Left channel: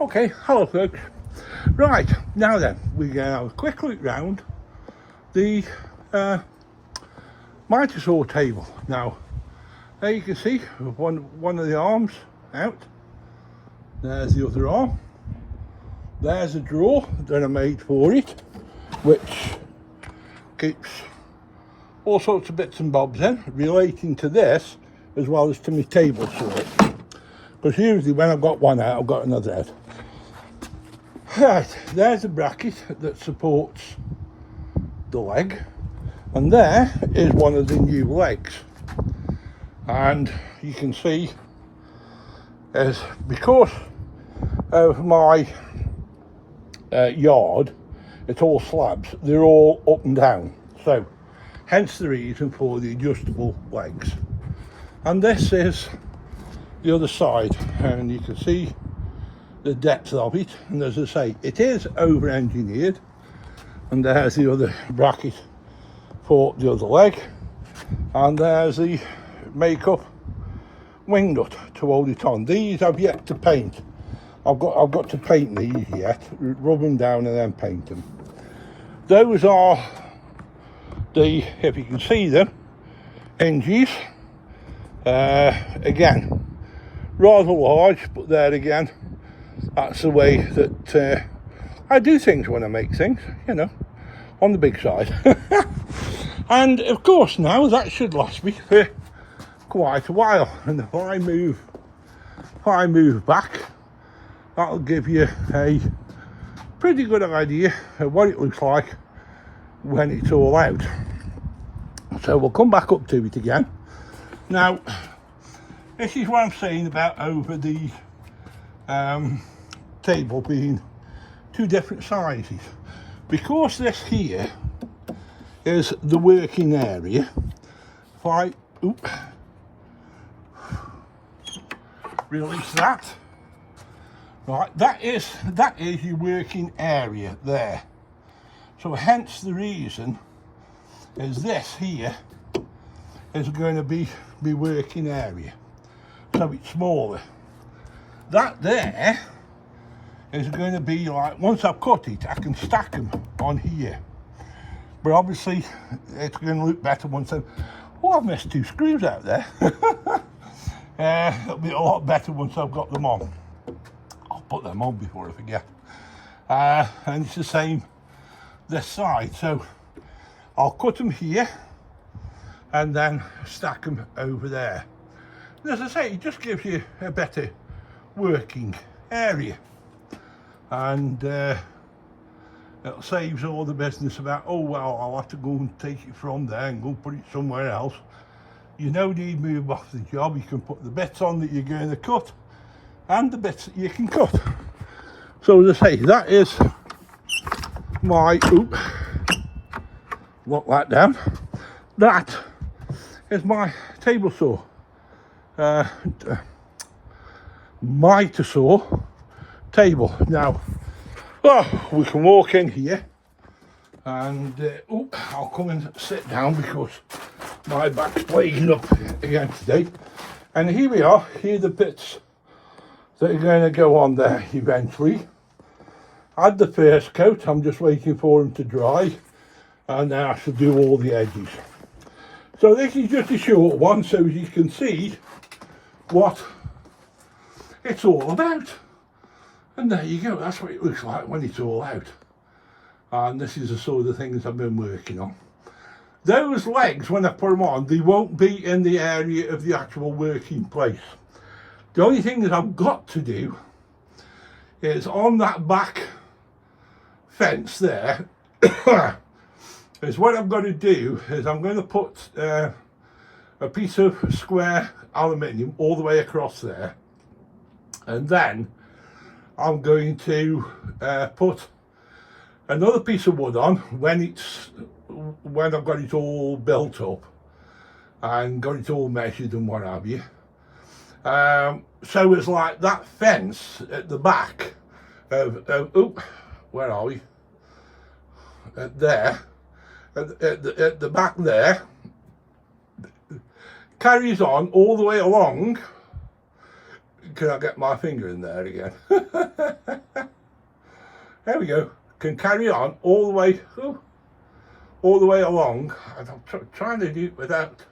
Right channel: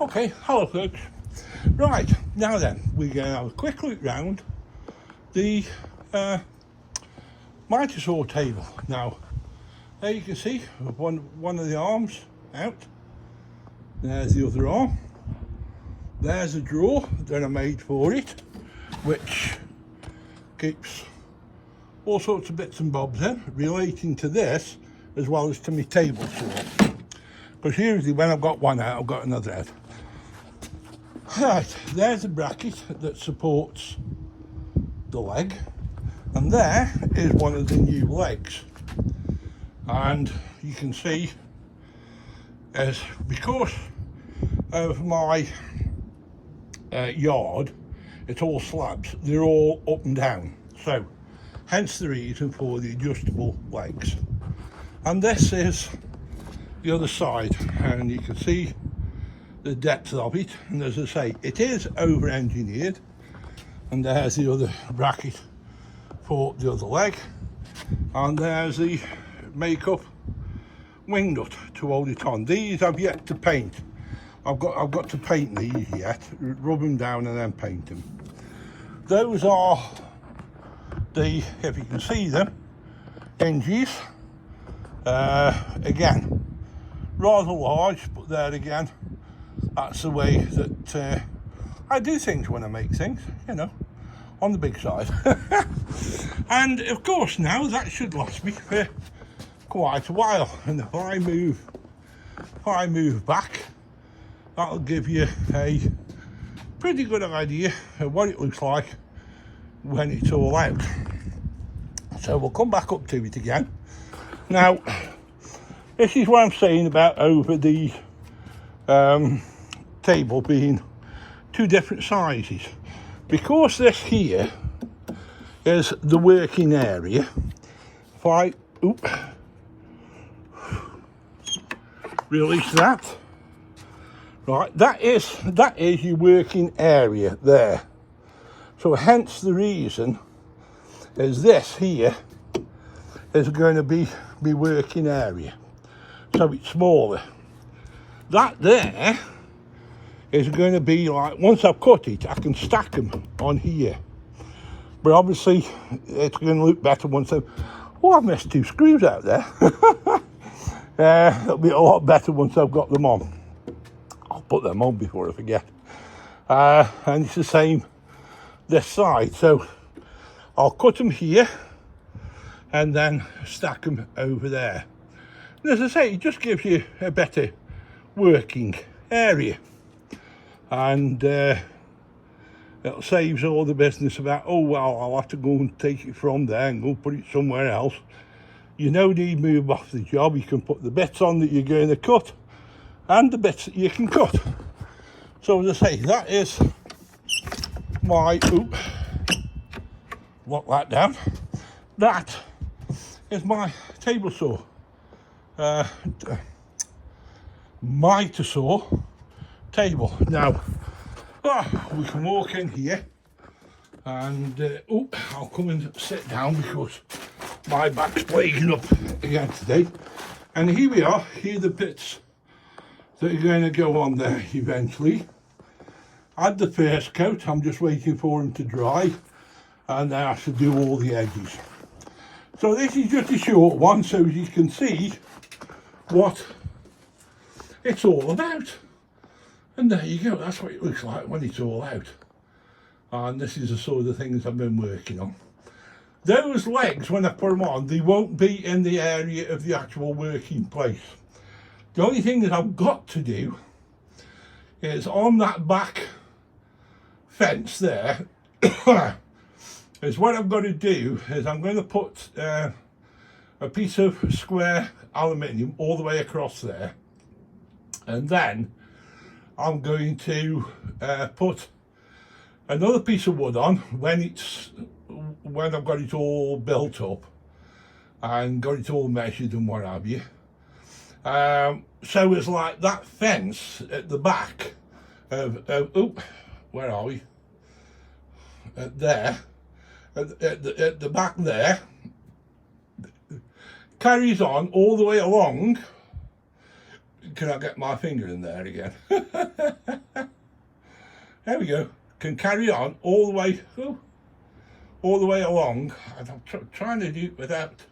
Okay, hello folks. Right, now then, we're going to have a quick look round the miter saw table. Now, there you can see one of the arms out. There's the other arm. There's a drawer that I made for it, which keeps all sorts of bits and bobs in relating to this as well as to my table saw. Because usually when I've got one out, I've got another out. Right, there's a bracket that supports the leg, and there is one of the new legs. And you can see, as because of my yard, it's all slabs, they're all up and down, so hence the reason for the adjustable legs. And this is the other side, and you can see the depth of it, and as I say, it is over engineered. And there's the other bracket for the other leg, and there's the makeup wing nut to hold it on. These I've yet to paint. I've got to paint these yet, rub them down and then paint them. Those are the, if you can see them, hinges. Again, rather large, but there again, that's the way that I do things when I make things, you know, on the big side. And of course now that should last me for quite a while, and if I move back, that'll give you a pretty good idea of what it looks like when it's all out. So we'll come back up to it again. Now, this is what I'm saying about over the table being two different sizes. Because this here is the working area, if I release that, right, that is your working area there. So hence the reason is this here is going to be my working area, so it's smaller. That there is going to be like, once I've cut it, I can stack them on here. But obviously, it's going to look better once I've... Oh, I've missed two screws out there. It'll be a lot better once I've got them on. I'll put them on before I forget. And it's the same this side. So I'll cut them here and then stack them over there. And as I say, it just gives you a better working area. And it saves all the business about, oh well, I'll have to go and take it from there and go put it somewhere else. You no need move off the job. You can put the bits on that you're going to cut and the bits that you can cut. So as I say, that is my, lock that down. That is my table saw, miter saw table. Now, we can walk in here and I'll come and sit down because my back's plaguing up again today. And here we are, here are the bits that are going to go on there eventually. I had the first coat, I'm just waiting for them to dry, and then I should do all the edges. So this is just a short one, so you can see what it's all about. And there you go, that's what it looks like when it's all out. And this is the sort of things I've been working on. Those legs, when I put them on, they won't be in the area of the actual working place. The only thing that I've got to do is on that back fence there, is what I've got to do is I'm going to put a piece of square aluminium all the way across there, and then I'm going to put another piece of wood on when I've got it all built up and got it all measured and what have you. So it's like that fence at the back of where are we? There, at the back there, carries on all the way along Can I get my finger in there again? There we go. Can carry on all the way, all the way along. And I'm trying to do it without,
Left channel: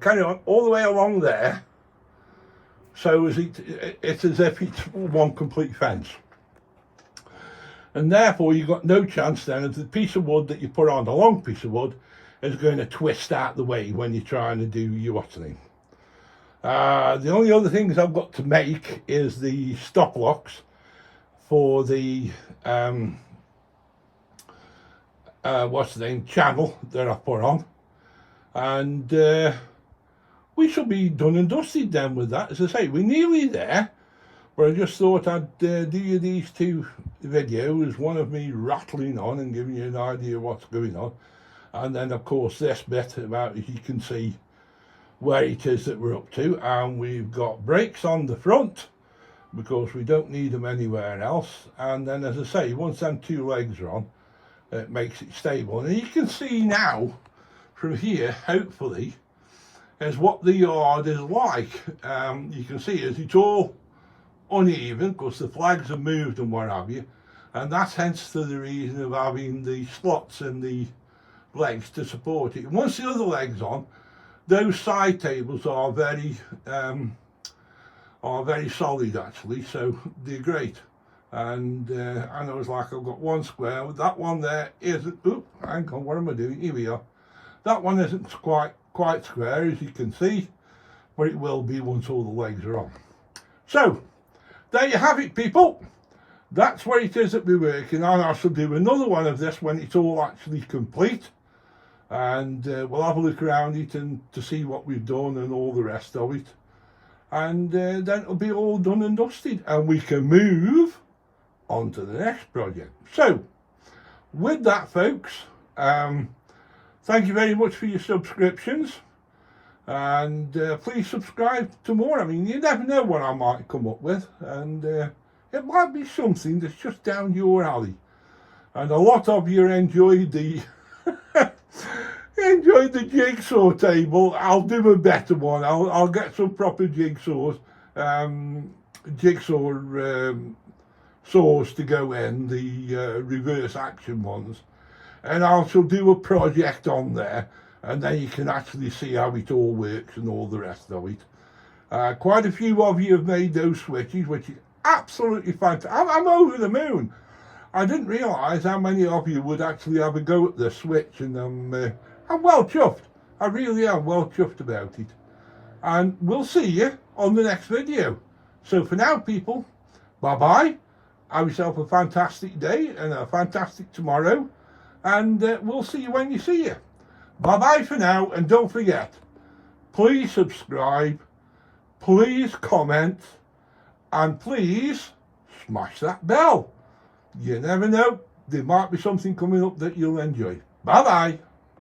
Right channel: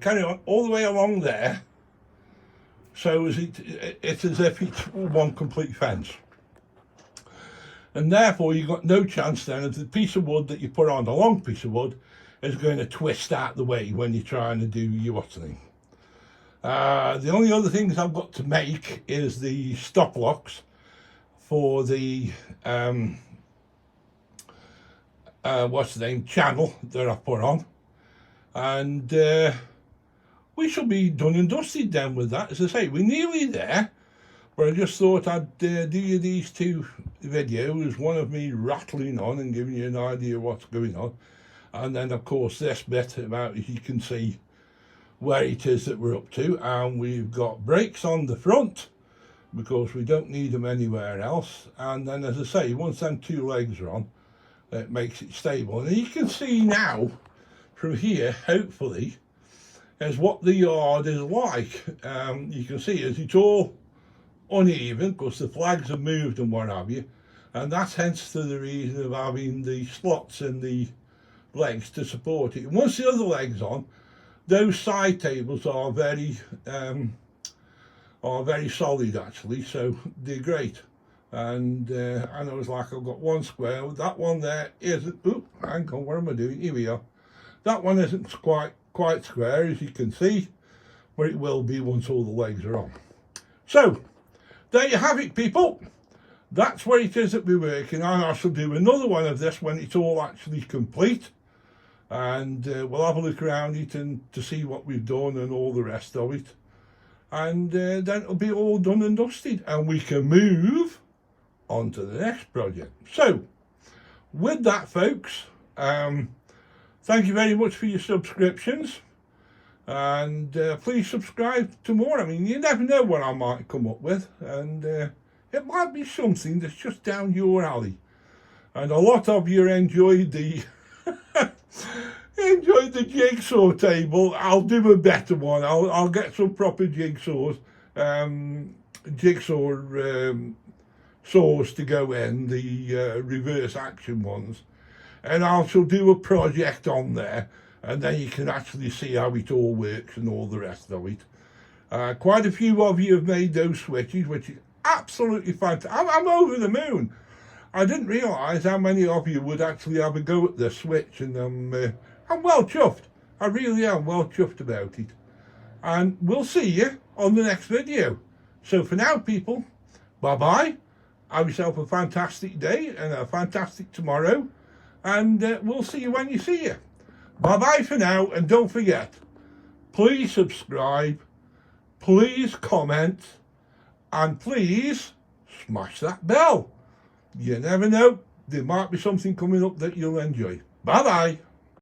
carry on all the way along there. So it's as if it's one complete fence. And therefore you've got no chance then of the piece of wood that you put on, the long piece of wood, is going to twist out the way when you're trying to do your watering. The only other things I've got to make is the stop locks for the channel that I put on, and we shall be done and dusted then with that. As I say, we're nearly there, but I just thought I'd do you these two videos, one of me rattling on and giving you an idea of what's going on, and then of course this bit about, as you can see, where it is that we're up to. And we've got brakes on the front because we don't need them anywhere else, and then, as I say, once them two legs are on, it makes it stable. And you can see now from here, hopefully, is what the yard is like. You can see as it's all uneven because the flags have moved and what have you, and that's hence to the reason of having the slots in the legs to support it. And once the other leg's on, those side tables are very solid actually, so they're great. And I know it's like I've got one square, that one there isn't, hang on, what am I doing? Here we are. That one isn't quite square, as you can see, but it will be once all the legs are on. So there you have it, people. That's what it is that we're working on. I shall do another one of this when it's all actually complete, and we'll have a look around it and to see what we've done and all the rest of it, and then it'll be all done and dusted, and we can move on to the next project. So with that, folks, thank you very much for your subscriptions, and please subscribe to more. I mean, you never know what I might come up with, and it might be something that's just down your alley. And a lot of you enjoyed the jigsaw table. I'll do a better one. I'll get some proper jigsaws, saws to go in, the reverse action ones, and I shall do a project on there, and then you can actually see how it all works and all the rest of it. Quite a few of you have made those switches, which is absolutely fantastic. I'm over the moon. I didn't realise how many of you would actually have a go at the switch, and I'm well chuffed. I really am well chuffed about it. And we'll see you on the next video. So for now, people, bye-bye. Have yourself a fantastic day and a fantastic tomorrow, and we'll see you when you see you. Bye-bye for now, and don't forget, please subscribe, please comment, and please smash that bell. You never know, there might be something coming up that you'll enjoy. Bye-bye.